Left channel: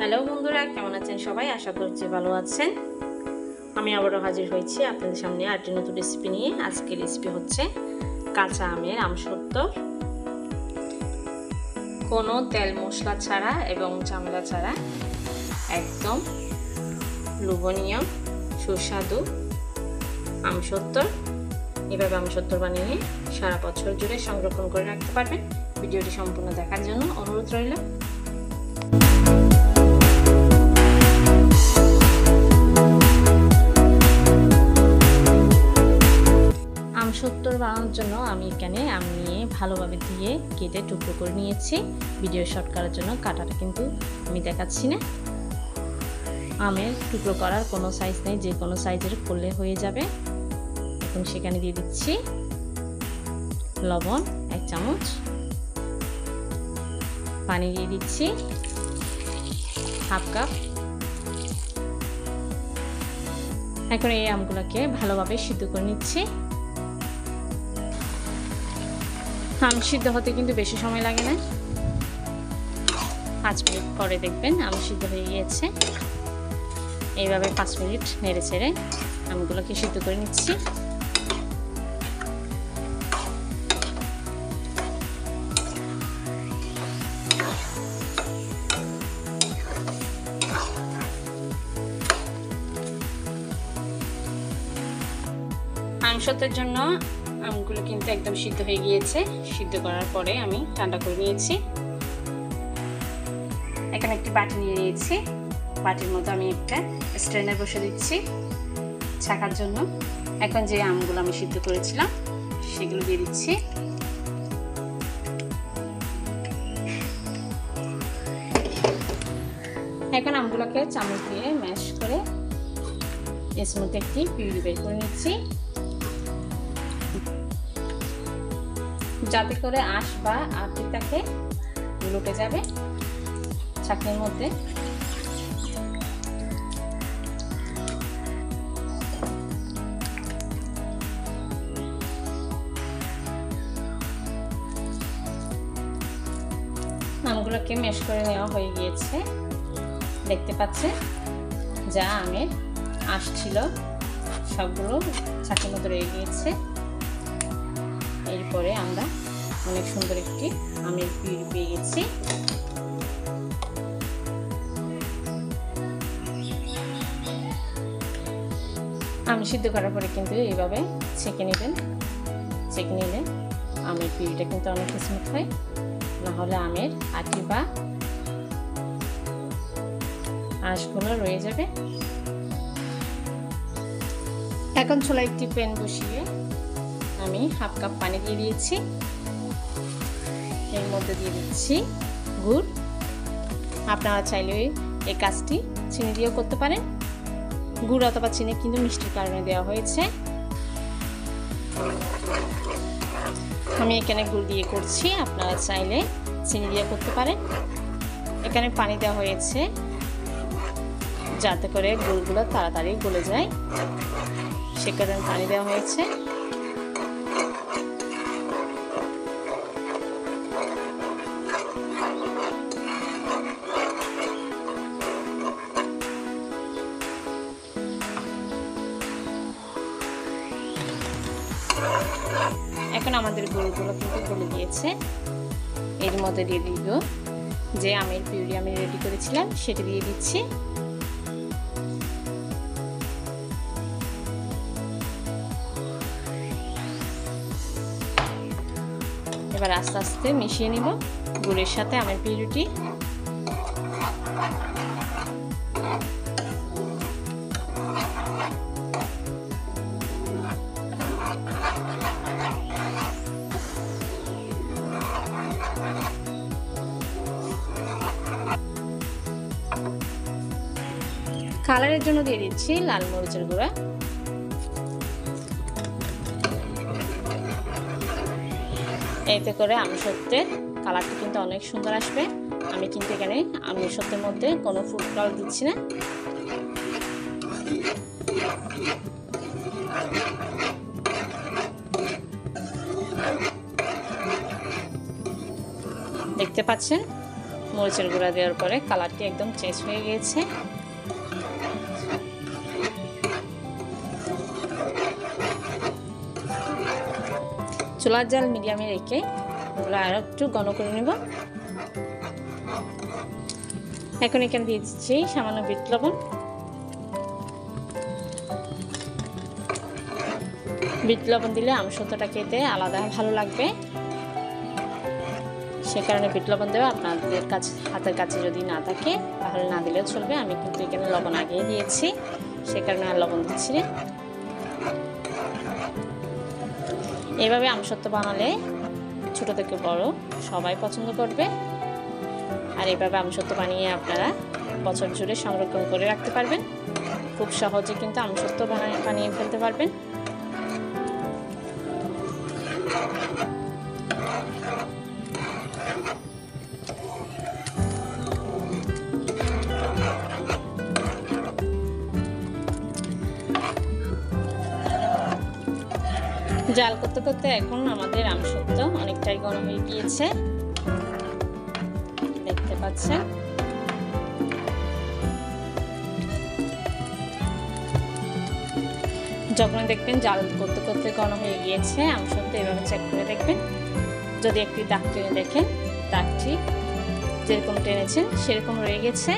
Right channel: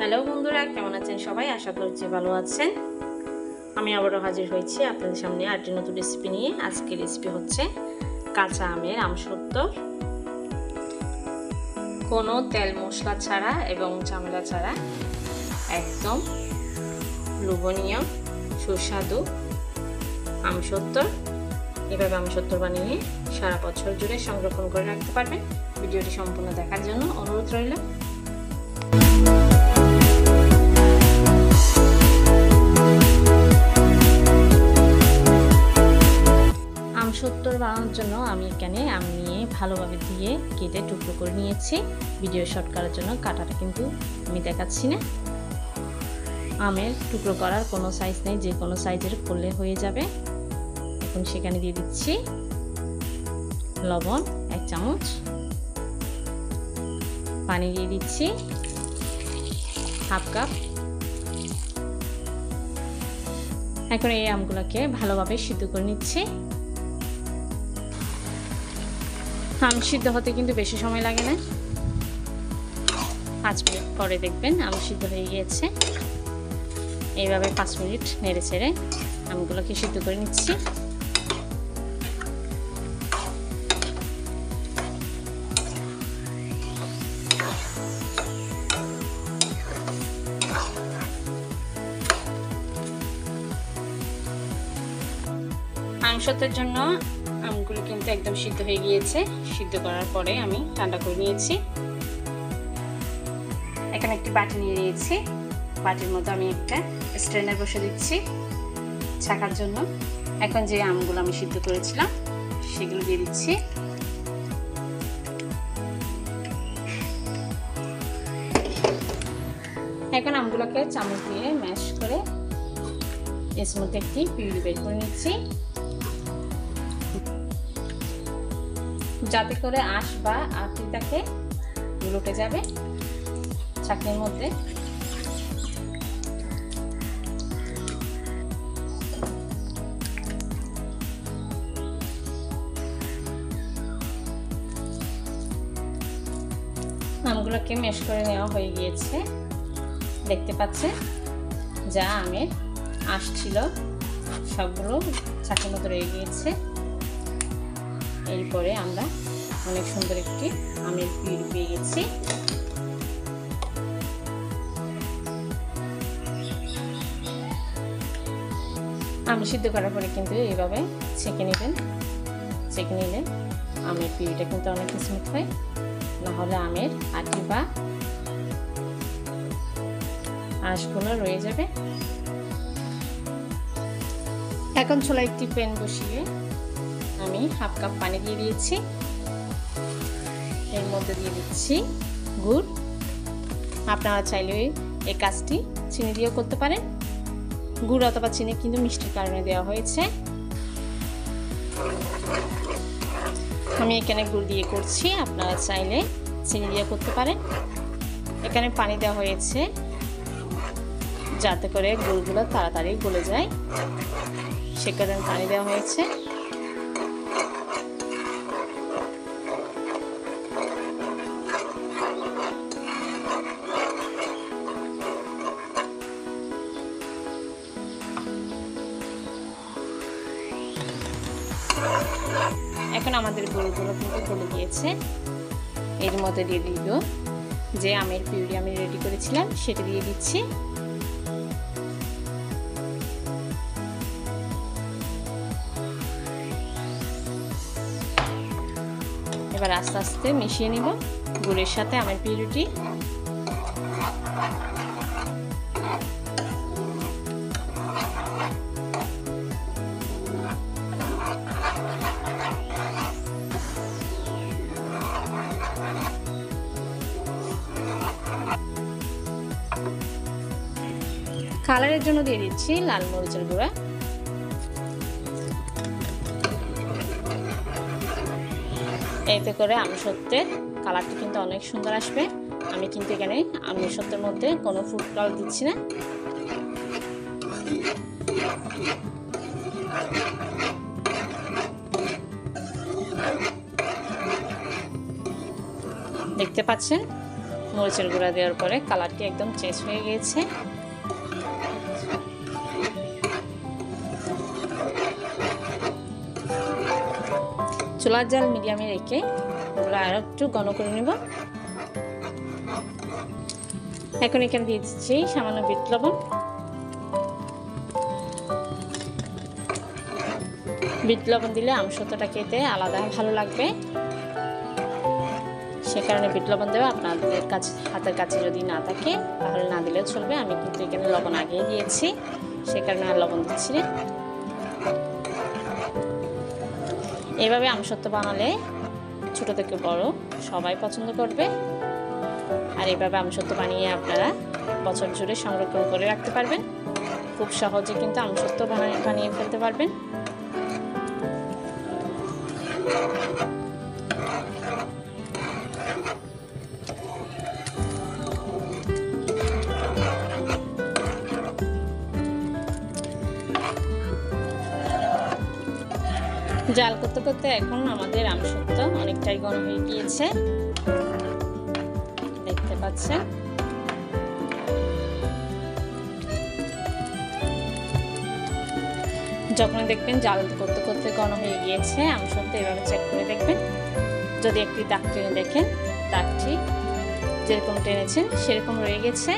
Hello বন্ধুরা, কেমন আছেন সবাই? আশা করছি ভালো আছেন। আমি আবারও হাজির হয়েছি আপনাদের সামনে আরেকটি নতুন রেসিপি নিয়ে। আজকের রেসিপি হচ্ছে কাঁচা আমের আমসত্ত্বর, কোনো তেল মশলা ছাড়া এবং ঝামেলা ছাড়া একদম লোভনীয় সুস্বাদু আমসত্ত্বর। এভাবে আমসত্ত্বর বানিয়ে সারা বছর জুড়ে সংরক্ষণ করে রাখতে পারবেন। ভিডিওটি সম্পূর্ণ দেখার জন্য অনুরোধ রইল। আমসত্ত্বর বানানোর জন্য আমি এখানে আম নিয়ে ভালোভাবে ধুয়ে কেটে টুকরো করে নিয়েছি। ভিডিও শর্ট করার জন্য কাটাটা কিন্তু আমি দেখাচ্ছি না। আমের টুকরো করার কোনো সাইজ নেই, যে কোনো সাইজের করলে হয়ে যাবে। এখন সেখানে দিয়ে দিচ্ছি লবণ 1 চামচ, পানি দিয়ে দিচ্ছি ½ কাপ। এখন এই আমগুলোকে ভালোভাবে সিদ্ধ করে নিচ্ছি। আম সিদ্ধ হতে কিন্তু বেশি সময় লাগে না, 5 মিনিট পরে দেখবেন আম সিদ্ধ হয়ে গিয়েছে। এইভাবে 5 মিনিট নেড়ে ছেড়ে আমগুলোকে সিদ্ধ করে নিচ্ছি। আমসত্ত্বরের জন্য আমগুলো কিন্তু একদম সিদ্ধ হয়ে গিয়েছে। সিদ্ধ করার পরে আমি ঠান্ডা করে নিয়েছি। এখানে একটি বাটি নিয়ে নিয়েছি। বাটির মধ্যে আমি একটা স্ট্রেনার বসে দিচ্ছি ছাকার জন্য। এখন যে আমগুলো আমি সিদ্ধ করেছিলাম সেগুলো দিয়ে দিচ্ছি। এখন আমগুলোকে চামচ দিয়ে ম্যাশ করে এর মধ্যে একটি পিউরি বের করে নিচ্ছি, যাতে করে আঁশ বা আটিটাকে উল্টে যাবে ছাঁকনির মধ্যে। আমগুলোকে ম্যাশ করে নেওয়া হয়ে গিয়েছে। দেখতে পাচ্ছেন যা আমের আঁশ ছিল সবগুলো ছাঁকনির মধ্যে রয়ে গিয়েছে। এরপরে আমরা অনেক সুন্দর একটি আমের পিউরি পেয়ে গেছি। আম সিদ্ধ করার পরে কিন্তু এইভাবে ছেঁকে নেবেন। ছেঁকে নিলে আমের পিউরিটা কিন্তু অনেক স্মুথ হয়, না হলে আমের আটি বা আঁশগুলো রয়ে যাবে। এখন চুলায় একটি প্যান বসিয়ে আমি ½ কাপ পানি দিয়ে দিয়েছি। এর মধ্যে দিয়ে দিচ্ছি গুড়। আপনারা চাইলে এই কাজটি চিনি দিয়েও করতে পারেন। গুড় অথবা চিনি কিন্তু মিষ্টির কারণে দেওয়া হয়েছে। আমি এখানে গুড় দিয়ে করছি, আপনারা চাইলে চিনি দিয়ে করতে পারেন। এখানে পানি দেওয়া হয়েছে যাতে করে গুড়গুলো তাড়াতাড়ি গলে যায়, সে কারণে পানি দেওয়া হয়েছে। এখন আমাদের গুড়গুলো কিন্তু গলে গিয়েছে। এর মধ্যে দিয়ে দিব যে আমের পিউরি আমি রেডি করেছিলাম সেটা দিয়ে দিচ্ছি। এবার আস্তে আস্তে মিশিয়ে নিব গুড়ের সাথে আমের পিউরিটি। কালারের জন্য দিয়ে দিচ্ছি লাল মরিচের গুঁড়া। এতে করে আমসত্ত্বের কালারটা কিন্তু অনেক সুন্দর আসবে। আমি কিন্তু এখানে আমসত্ত্বের মধ্যে কোনো ফুড কালার দিচ্ছি না। দেখতে পাচ্ছেন মরিচের গুঁড়া দেওয়ার পরে কালারটি একদম চেঞ্জ হয়ে গিয়েছে। চুলার জাল মিডিয়ামে রেখে এগুলো আরও একটু ঘন করে নেব। এখন এখানে দিয়ে দিচ্ছি সামান্য বিট লবণ। বিট লবণ দিলে আমসত্ত্বটা খেতে আলাদা ভালো লাগবে, সে কারণে বিট লবণ দেওয়া। আপনাদের কাছে হাতের কাছে যদি না থাকে তাহলে না দিলেও চলবে। আমি কিন্তু এখানে লবণ আগেই দিয়েছি, সে কারণে আর লবণ দিচ্ছি না। এইভাবে আমসত্ত্ব বানালে ছোট থেকে বড় সবাই পছন্দ করবে। আর এইভাবে আমসত্ত্ব বানিয়ে আপনারা বছর জুড়ে সংরক্ষণ করে রাখতে পারবেন। খুব সহজে কিন্তু আমসত্ত্ব বানিয়ে ফেলতে পারবেন। জাল করতে করতে এখন আমাদের আমসত্ত্ব অনেকটাই ঘন হয়ে গিয়েছে, দেখতে পাচ্ছেন। যখন দেখবেন জাল করতে করতে ঘন হয়ে গিয়েছে আমসত্ত্ব, এভাবে চেক করে দেখবেন। যদি একটি দাগ টেনে দেখেন, দাগটি যেরকম টেনেছেন সেরকম রয়ে গেছে,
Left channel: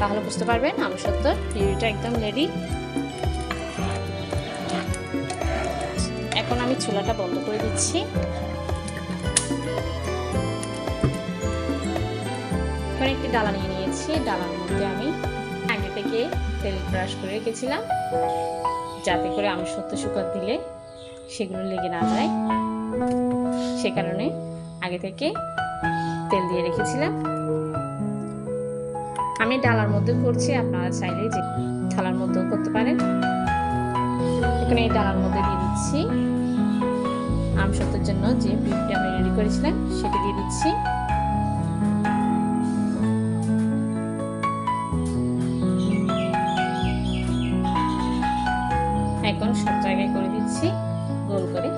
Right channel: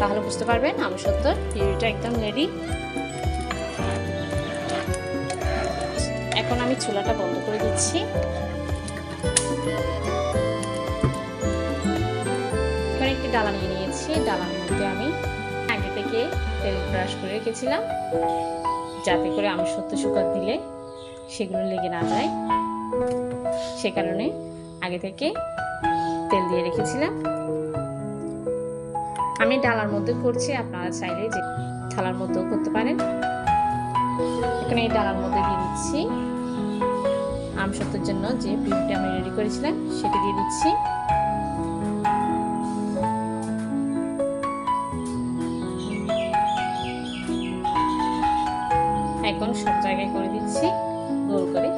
তাহলে বুঝতে পারবেন আমসত্ত্বর পিউরিটা একদম রেডি। এখন আমি চুলাটা বন্ধ করে দিচ্ছি। এখানে একটি ডালা নিয়ে নিয়েছি, ডালার মধ্যে আমি আগে থেকে তেল ব্রাশ করে রেখেছিলাম, যাতে করে আমসত্ত্ব শুকাতে দিলে সেগুলো লেগে না যায়, সে কারণে আগে থেকে তেল দিয়ে রেখেছিলাম। আমি ডালার মধ্যে করছি, আপনারা চাইলে যে থালার মধ্যেও করতে পারেন। এখানে এই ডালার মধ্যে দিয়ে দিচ্ছি আমসত্ত্বের জন্য যে পিউরিটা আমি রেডি করেছিলাম সেটি দিয়ে দিচ্ছি। এখন সব জায়গায় করে দিচ্ছি গোল করে।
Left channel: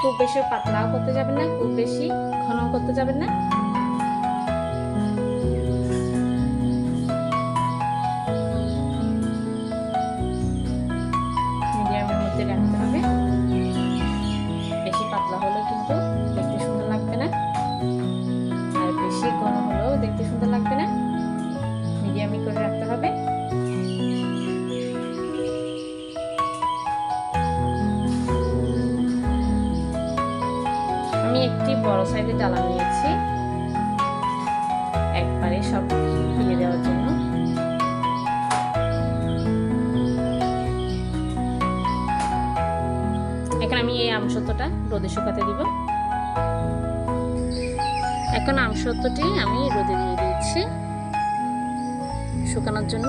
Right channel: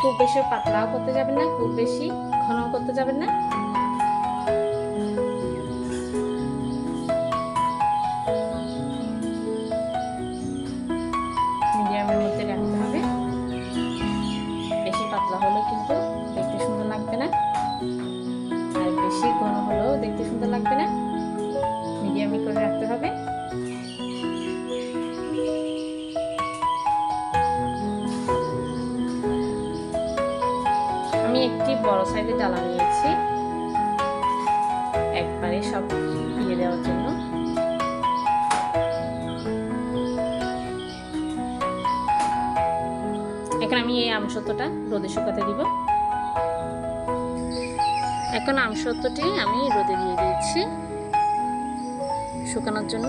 খুব বেশি পাতলাও করতে যাবেন না, খুব বেশি ঘনও করতে যাবেন না। মিডিয়ামের মধ্যে রাখতে হবে। বেশি পাতলা হলেও কিন্তু দেখতে সুন্দর লাগবে না, আর বেশি ঘন হলেও দেখতে সুন্দর লাগবে না। মিডিয়ামই করে রাখতে হবে। আমি একটি বড় সাইজের ডালা নিয়েছি একবারে সব দিয়ে দেওয়ার জন্য। এখন আমি এই আমসত্ত্বটা রোদে শুকাতে দিব। এখন আমসত্ত্বটি আমি রোদে দিয়ে দিয়েছি শুকানোর জন্য।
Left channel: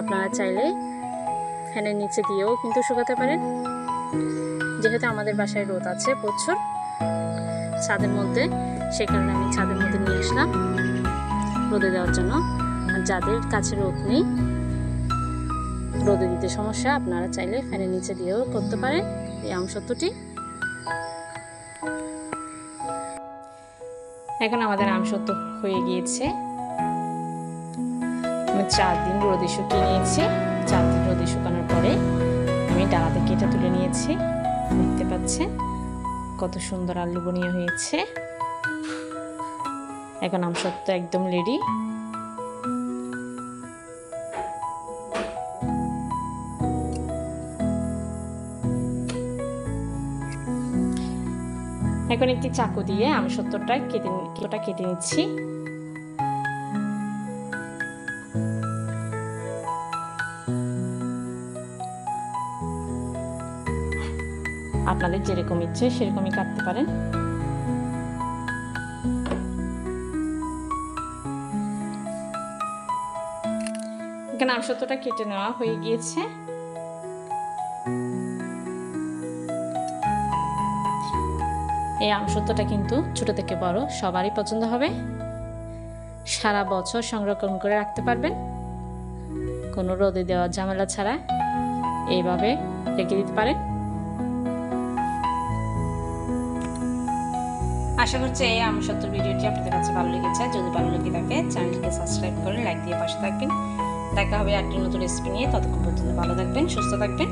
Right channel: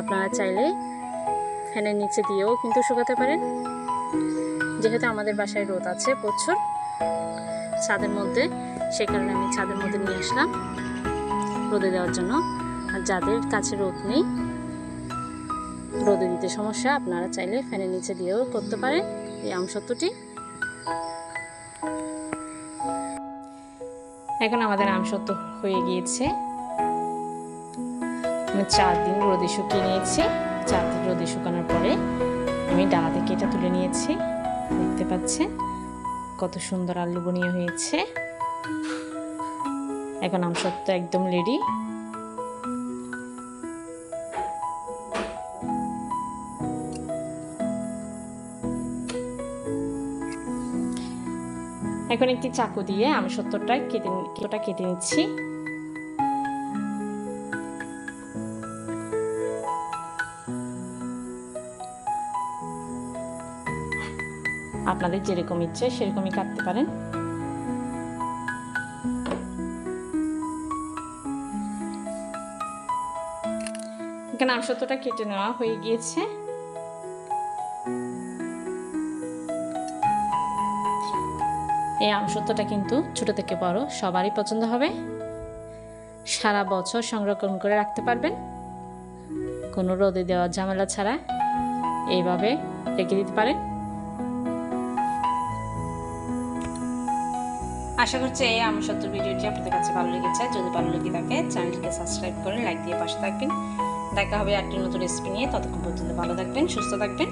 আপনারা চাইলে ফ্যানের নিচে দিয়েও কিন্তু শুকাতে পারেন। যেহেতু আমাদের বাসায় রোদ আছে প্রচুর ছাদের মধ্যে, সে কারণে আমি ছাদের মধ্যে নিয়ে আসলাম রোদে দেওয়ার জন্য। আর যাদের কাছে রোদ নেই, রোদে দিতে সমস্যা, আপনারা চাইলে ফ্যানের নিচে দিয়েও করতে পারেন এই আমসত্ত্বটি। এখন আমাদের আমসত্ত্ব হয়ে গিয়েছে। আমি 4 দিন রোদে শুকিয়ে নিয়েছি। 4 দিন রোদে শুকানোর পরে আমি ডালা থেকে এটা তুলে নিয়েছি। দেখতে পাচ্ছেন কত সুন্দর আর লোভনীয় হয়েছে। এখন আমসত্ত্ব একদম রেডি। এখন একটি চাকু দিয়ে আমসত্ত্বটা কেটে নিচ্ছি। আপনাদের যেরকম ইচ্ছে সেরকমই কাটতে পারেন। এখানে আমসত্ত্বটা কেটে নেওয়া হয়ে গিয়েছে। এই আমসত্ত্বটা কিন্তু ছোট থেকে বড় সবারই পছন্দ হবে। সারা বছর সংরক্ষণ করে রাখতে পারবেন, কোনো রোদে দেওয়ার ঝামেলা ছাড়া এইভাবে রেখে দিতে পারেন। আশা করছি এই আমসত্ত্বর ভিডিওটি আপনাদের কাছে ভালো লেগেছে। যদি ভালো লেগে থাকে চ্যানেলকে সাবস্ক্রাইব করে লাইক দিয়ে পাশে থাকবেন। দেখা হবে একটি নতুন রেসিপি নিয়ে। ততক্ষণ পর্যন্ত ভালো থাকবেন, সুস্থ থাকবেন।